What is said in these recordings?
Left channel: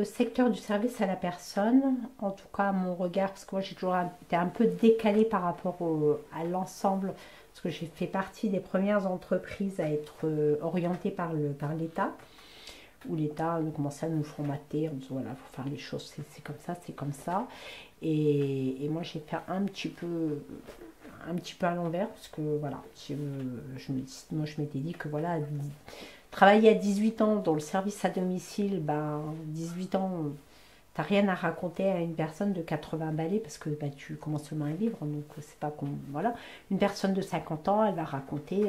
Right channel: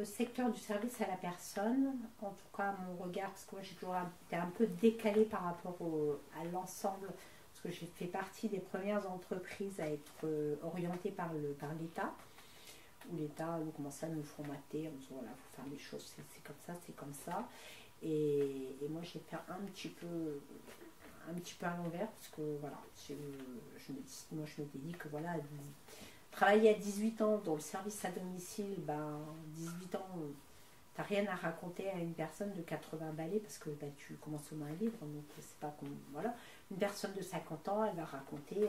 le secteur du service à la personne, en tout cas mon regard, parce que moi j'ai toujours été un peu décalée par rapport à l'ensemble, parce que j'ai fait partie des premières entreprises à être orientées par l'État, où l'État commençait à nous formater en disant voilà, il faut faire les choses, c'est comme ça, c'est comme ça. Et moi j'ai fait un petit peu à l'envers, parce que voilà, moi je m'étais dit que voilà, travailler à 18 ans dans le service à domicile, ben 18 ans, t'as rien à raconter à une personne de 80 balais parce que bah, tu commences seulement à vivre, donc c'est pas comme voilà. Une personne de 50 ans, elle va raconter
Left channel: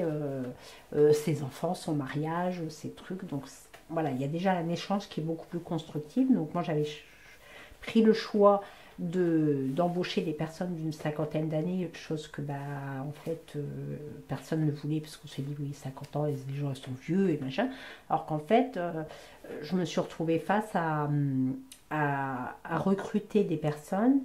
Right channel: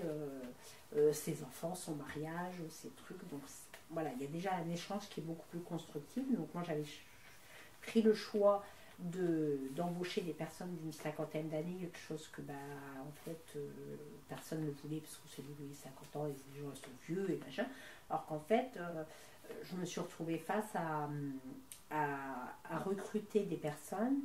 ses enfants, son mariage, ses trucs, donc voilà, il y a déjà un échange qui est beaucoup plus constructif. Donc moi j'avais pris le choix d'embaucher des personnes d'une cinquantaine d'années, chose que bah en fait personne ne voulait parce qu'on s'est dit oui 50 ans les gens sont vieux et machin, alors qu'en fait je me suis retrouvée face à recruter des personnes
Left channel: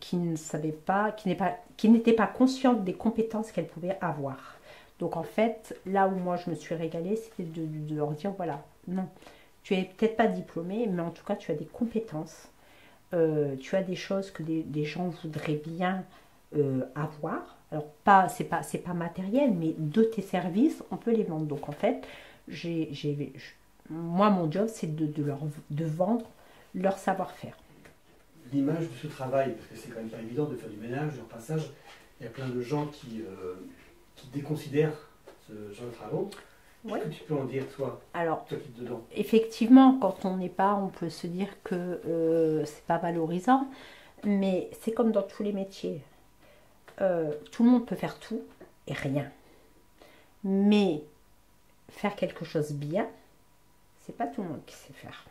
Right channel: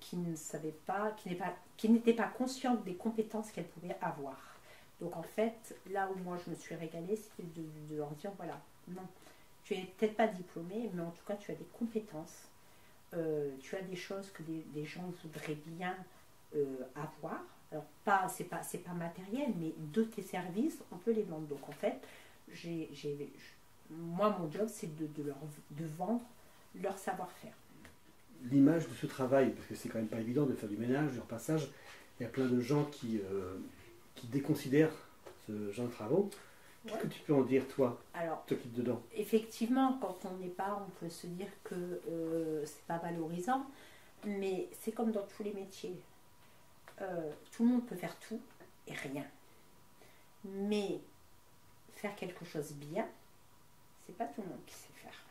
qui ne savaient pas, qui n'étaient pas conscientes des compétences qu'elles pouvaient avoir. Donc en fait, là où moi je me suis régalée, c'était de leur dire voilà, non, tu es peut-être pas diplômé, mais en tout cas tu as des compétences, tu as des choses que des gens voudraient bien avoir. Alors c'est pas matériel, mais de tes services, on peut les vendre. Donc en fait, moi mon job c'est de vendre leur savoir-faire. L'image de ce travail, parce que c'est quand même pas évident de faire du ménage, du repassage, il y a plein de gens qui déconsidèrent ce genre de travaux. Qu'est-ce que tu peux en dire, toi, alors, toi qui es dedans? Effectivement, quand on n'est pas, on peut se dire que c'est pas valorisant, mais c'est comme dans tous les métiers. Tout le monde peut faire tout et rien. Mais faire quelque chose bien, c'est pas tout le monde qui sait faire.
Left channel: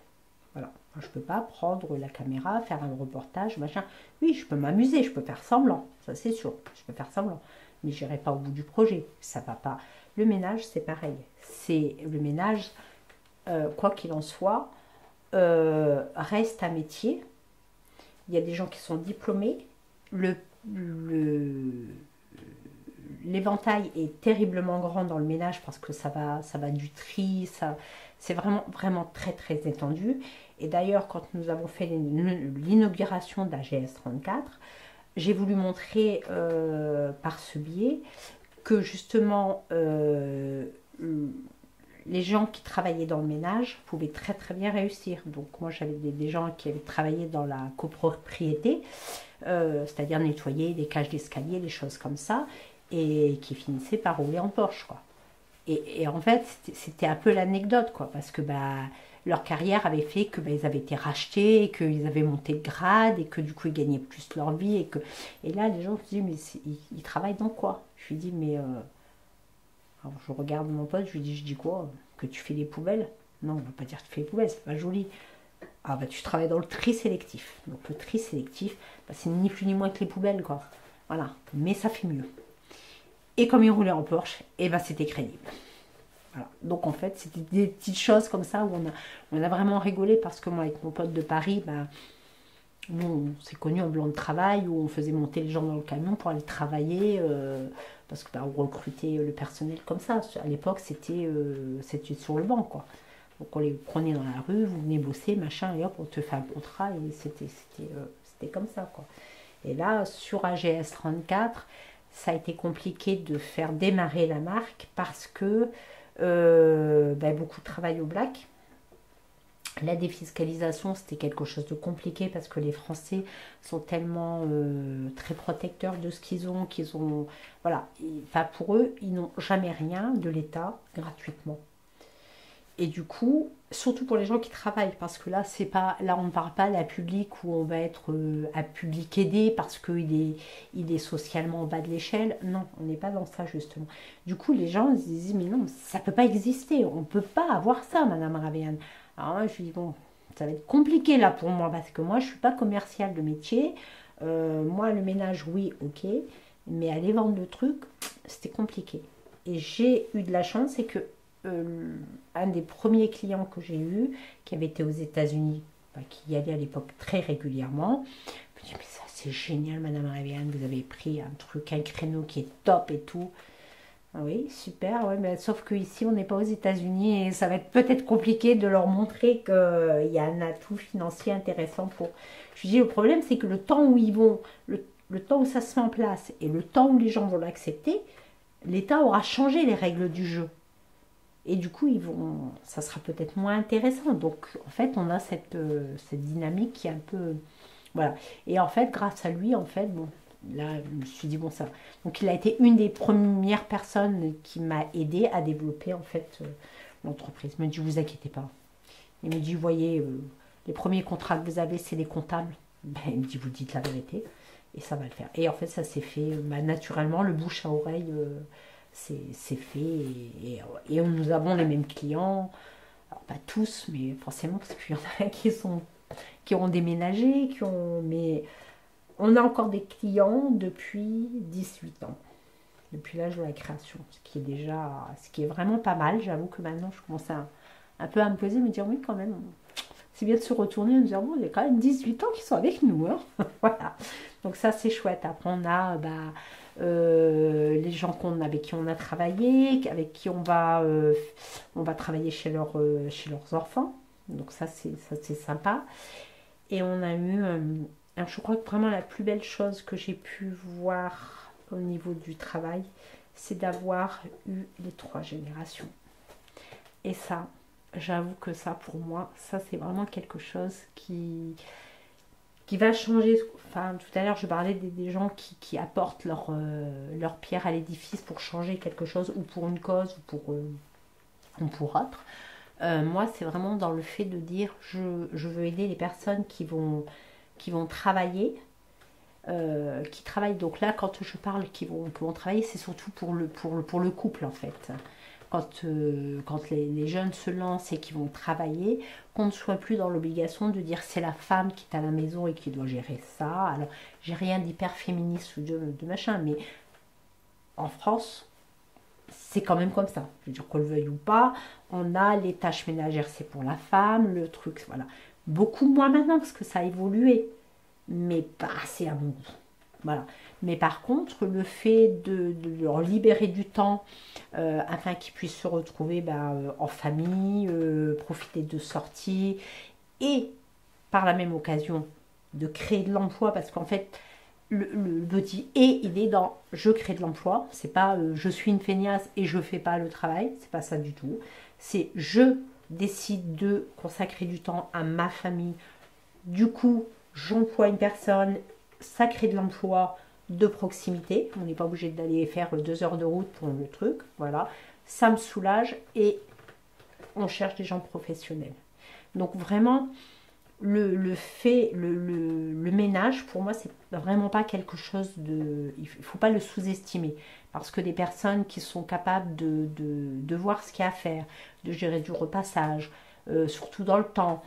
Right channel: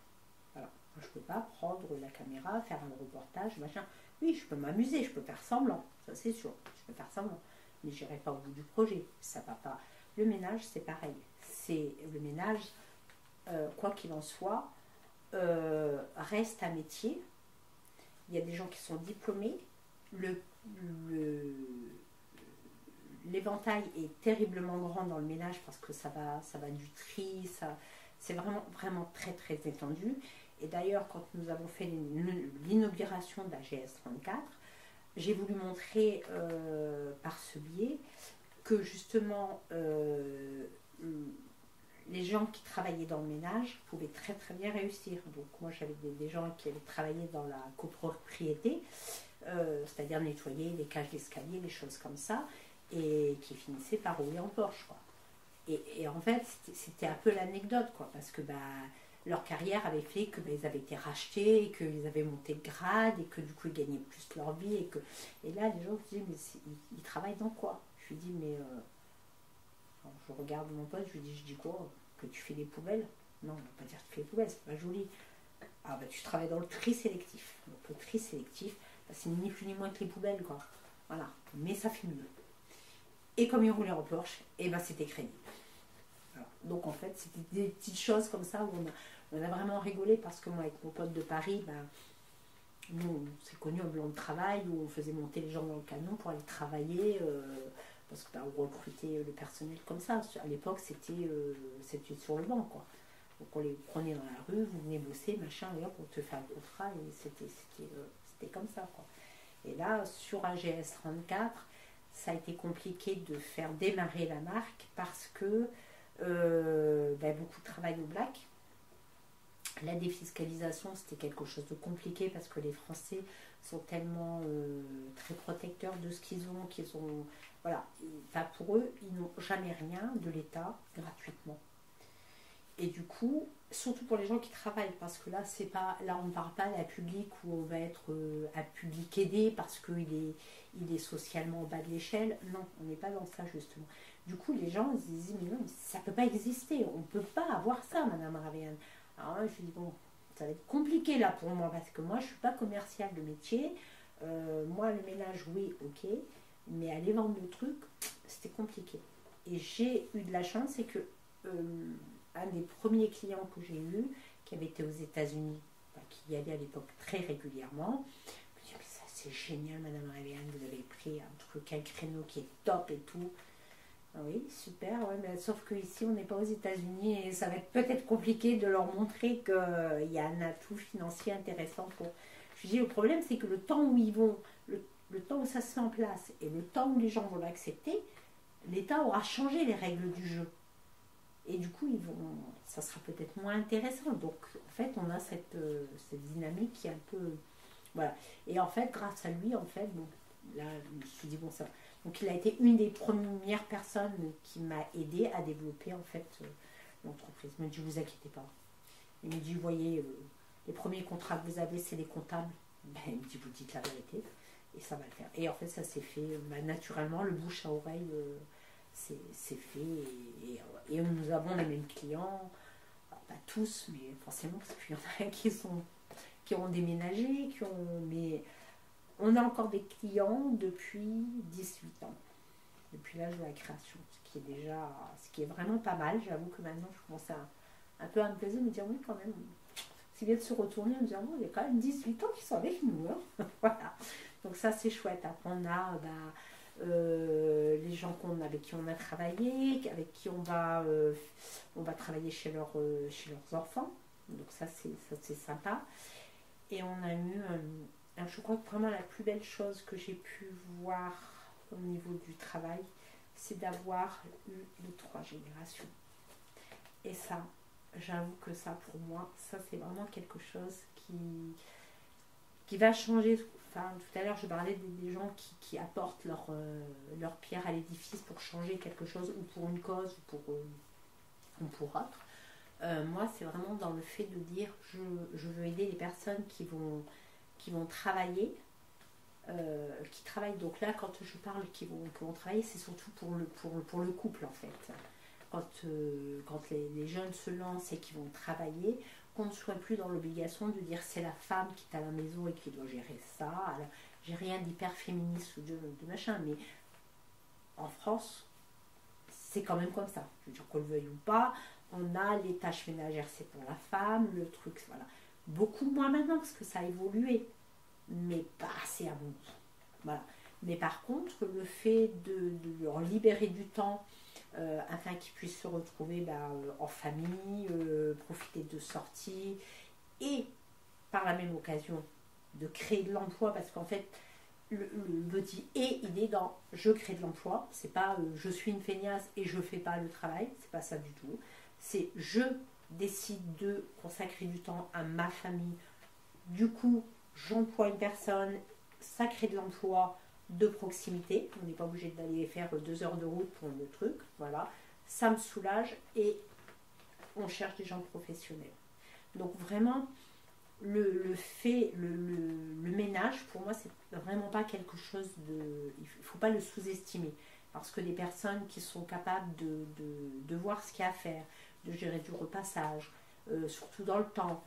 Voilà. Moi, je peux pas prendre la caméra, faire un reportage, machin. Oui, je peux m'amuser, je peux faire semblant, ça c'est sûr. Je peux faire semblant, mais j'irai pas au bout du projet. Ça va pas. Le ménage, c'est pareil. C'est le ménage, quoi qu'il en soit, reste un métier. Il y a des gens qui sont diplômés. L'éventail est terriblement grand dans le ménage parce que ça va du tri, c'est vraiment très très étendu. Et d'ailleurs, quand nous avons fait l'inauguration d'AGS 34, j'ai voulu montrer par ce biais que justement les gens qui travaillaient dans le ménage pouvaient très très bien réussir. Donc moi j'avais des gens qui avaient travaillé dans la copropriété, c'est-à-dire nettoyer des cages d'escalier, des choses comme ça, et qui finissaient par rouler en Porsche, quoi. Et en fait, c'était un peu l'anecdote, quoi, parce que bah, leur carrière avait fait que bah, ils avaient été rachetés, et qu'ils avaient monté de grade, et que du coup ils gagnaient plus leur vie. Et là, les gens se disent, mais ils travaillent dans quoi? Je lui dis, mais. Alors, je regarde mon pote, je dis quoi? Que tu fais des poubelles? Non, on ne va pas dire que tu fais des poubelles, c'est pas joli. Ah bah tu travailles dans le tri sélectif. Donc le tri sélectif, bah, c'est ni plus ni moins que les poubelles, quoi. Voilà, mais ça fait mieux. Et comme il roulait en Porsche, et ben c'était crédible. Voilà. Donc en fait, c'était des petites choses comme ça où on a vraiment rigolé parce que moi, avec mon pote de Paris, ben, nous, on s'est connus en blanc de travail où on faisait monter les gens dans le camion pour aller travailler parce que ben, on recrutait le personnel comme ça. À l'époque, c'était sur le banc, quoi. Donc on les prenait dans la rue, vous venez bosser, machin, et hop, on te fait un contrat et c'était comme ça, quoi. Et là, sur AGS 34, ça a été compliqué de faire démarrer la marque parce que ben, beaucoup de travail au black. La défiscalisation, c'était quelque chose de compliqué parce que les Français sont tellement très protecteurs de ce qu'ils ont, voilà, enfin, pour eux, ils n'ont jamais rien de l'État gratuitement. Et du coup, surtout pour les gens qui travaillent, parce que là, on ne parle pas d'un public où on va être un public aidé parce il est socialement en bas de l'échelle. Non, on n'est pas dans ça, justement. Du coup, les gens se disent, mais non, ça ne peut pas exister. On ne peut pas avoir ça, Madame Ravéane. Alors moi, je lui dis, bon, ça va être compliqué là pour moi, parce que moi, je ne suis pas commerciale de métier. Moi, le ménage, oui, ok. Mais aller vendre le truc, c'était compliqué. Et j'ai eu de la chance, c'est que un des premiers clients que j'ai eu, qui avait été aux États-Unis, enfin, qui y allait à l'époque très régulièrement, me dit, mais ça c'est génial, Madame Ravéane, vous avez pris un truc, un créneau qui est top et tout. Oui, super, ouais, mais sauf qu'ici on n'est pas aux États-Unis et ça va être peut-être compliqué de leur montrer qu'il y a un atout financier intéressant pour. Je dis le problème c'est que le temps où ils vont, le temps où ça se met en place et le temps où les gens vont l'accepter, l'État aura changé les règles du jeu. Et du coup, ça sera peut-être moins intéressant. Donc, en fait, on a cette dynamique qui est un peu. Voilà. Et en fait, grâce à lui, en fait, bon, là, je me suis dit, bon, ça. Donc, il a été une des premières personnes qui m'a aidé à développer, en fait, l'entreprise. Il me dit, vous inquiétez pas. Il me dit, vous voyez, les premiers contrats que vous avez, c'est les comptables. Ben, il me dit, vous dites la vérité. Et ça va le faire. Et en fait, ça s'est fait naturellement, le bouche à oreille. C'est fait et nous avons les mêmes clients, alors pas tous mais forcément parce qu'il y en a qui ont déménagé, mais on a encore des clients depuis 18 ans, depuis l'âge de la création, ce qui est vraiment pas mal. J'avoue que maintenant je commence un peu à me poser, me dire oui quand même, c'est bien de se retourner et de dire bon, il y a quand même 18 ans qui sont avec nous, hein. Voilà, donc ça c'est chouette. Après on a les gens avec qui on a travaillé, avec qui on va travailler chez leurs enfants. Donc ça c'est sympa. Et on a eu, je crois que vraiment la plus belle chose que j'ai pu voir au niveau du travail, c'est d'avoir eu les 3 générations. Et ça, j'avoue que ça pour moi, ça c'est vraiment quelque chose qui va changer. Enfin, tout à l'heure, je parlais des gens qui apportent leur pierre à l'édifice pour changer quelque chose, ou pour une cause, ou pour autre. Moi, c'est vraiment dans le fait de dire, je veux aider les personnes qui vont travailler, qui travaillent. Donc là, quand je parle qui vont travailler, c'est surtout pour le couple, en fait. Quand les jeunes se lancent et qui vont travailler, qu'on ne soit plus dans l'obligation de dire c'est la femme qui est à la maison et qui doit gérer ça. Alors, j'ai rien d'hyper féministe ou de machin, mais en France, c'est quand même comme ça. Je veux dire qu'on le veuille ou pas, on a les tâches ménagères, c'est pour la femme, le truc, voilà. Beaucoup moins maintenant parce que ça a évolué, mais pas assez à mon goût. Voilà. Mais par contre, le fait de leur libérer du temps afin qu'ils puissent se retrouver en famille, profiter de sorties et par la même occasion de créer de l'emploi, parce qu'en fait, le petit et il est dans je crée de l'emploi, c'est pas je suis une feignasse et je fais pas le travail, c'est pas ça du tout. C'est je décide de consacrer du temps à ma famille, du coup j'emploie une personne, ça crée de l'emploi de proximité, on n'est pas obligé d'aller faire 2 heures de route pour le truc, voilà, ça me soulage et on cherche des gens professionnels. Donc vraiment, le ménage, pour moi, c'est vraiment pas quelque chose de. Il faut pas le sous-estimer. Parce que des personnes qui sont capables de voir ce qu'il y a à faire, de gérer du repassage, surtout dans le temps,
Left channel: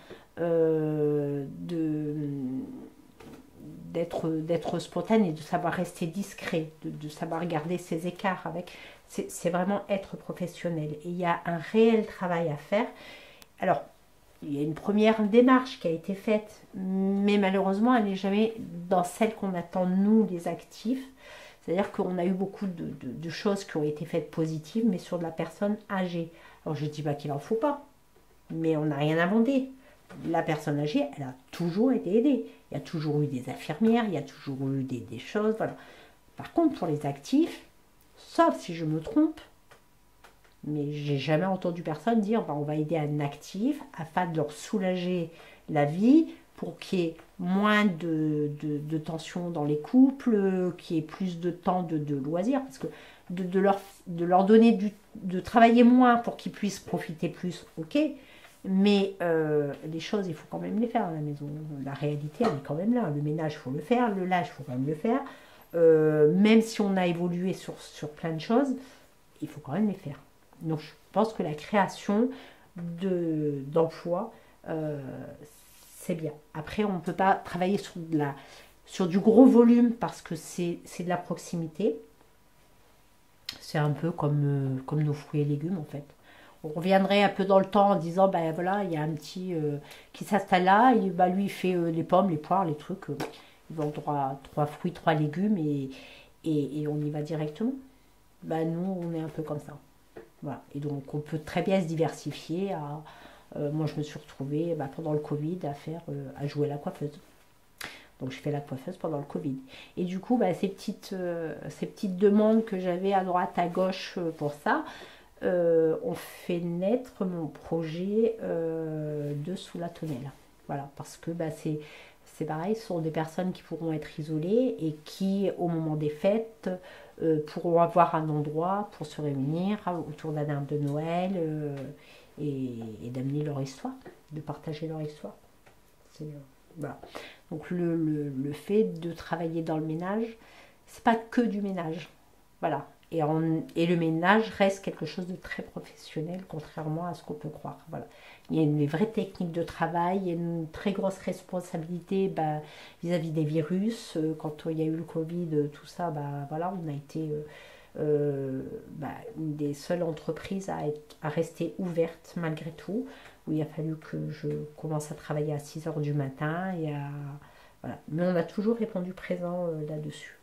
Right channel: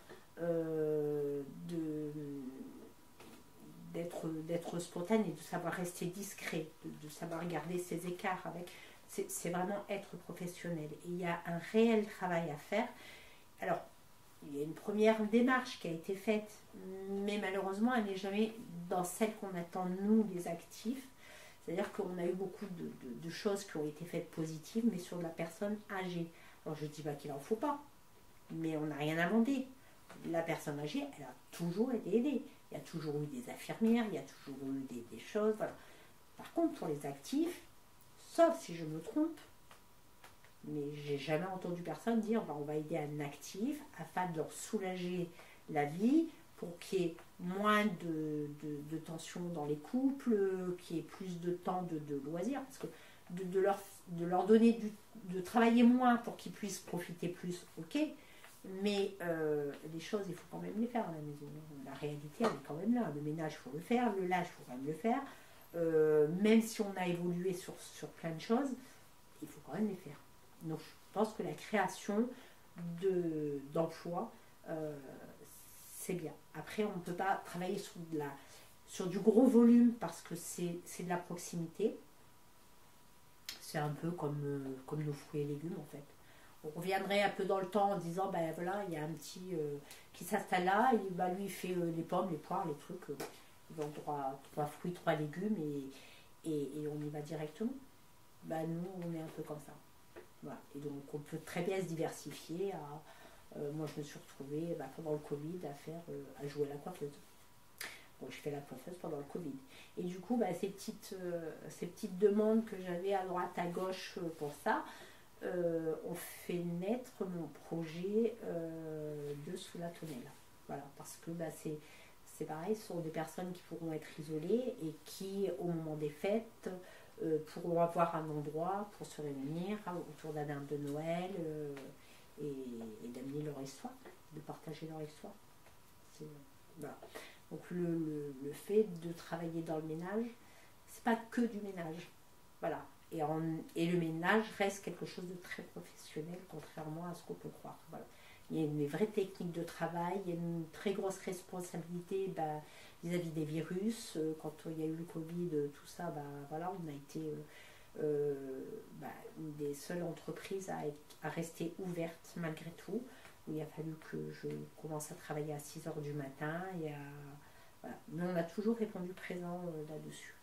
d'être spontané, de savoir rester discret, de savoir garder ses écarts avec. C'est vraiment être professionnel. Et il y a un réel travail à faire. Alors, il y a une première démarche qui a été faite, mais malheureusement, elle n'est jamais dans celle qu'on attend, nous, les actifs. C'est-à-dire qu'on a eu beaucoup de choses qui ont été faites positives, mais sur de la personne âgée. Alors, je ne dis pas qu'il n'en faut pas, mais on n'a rien inventé. La personne âgée, elle a toujours été aidée. Il y a toujours eu des infirmières, il y a toujours eu des choses, voilà. Par contre, pour les actifs, sauf si je me trompe, mais j'ai jamais entendu personne dire on va aider un actif afin de leur soulager la vie pour qu'il y ait moins de tensions dans les couples, qu'il y ait plus de temps de loisirs, parce que de leur donner de travailler moins pour qu'ils puissent profiter plus, ok, mais les choses il faut quand même les faire à la maison. La réalité elle est quand même là, le ménage il faut le faire, le linge il faut quand même le faire, même si on a évolué sur plein de choses, il faut quand même les faire. Donc je pense que la création d'emplois, c'est bien. Après, on ne peut pas travailler sur du gros volume parce que c'est de la proximité. C'est un peu comme nos fruits et légumes en fait. On reviendrait un peu dans le temps en disant, ben voilà, il y a un petit qui s'installe là, et lui il fait les pommes, les poires, les trucs. Il vend 3 fruits, 3 légumes et on y va directement. bah, nous, on est un peu comme ça. Voilà. Et donc, on peut très bien se diversifier. Moi, je me suis retrouvée pendant le Covid à jouer la coiffeuse. Donc, je fais la coiffeuse pendant le Covid. Et du coup, ces petites demandes que j'avais à droite, à gauche pour ça, ont fait naître mon projet de Sous la tonnelle. Voilà, parce que c'est pareil, ce sont des personnes qui pourront être isolées et qui, au moment des fêtes, pourront avoir un endroit pour se réunir autour d'un arbre de Noël et d'amener leur histoire, de partager leur histoire. Voilà. Donc le fait de travailler dans le ménage, c'est pas que du ménage. Voilà. Et le ménage reste quelque chose de très professionnel, contrairement à ce qu'on peut croire. Voilà. Il y a une vraie technique de travail, il y a une très grosse responsabilité vis-à-vis des virus. Quand il y a eu le Covid, tout ça, voilà, on a été une des seules entreprises à rester ouverte malgré tout. Où il a fallu que je commence à travailler à 6 h du matin. Voilà. Mais on a toujours répondu présent là-dessus.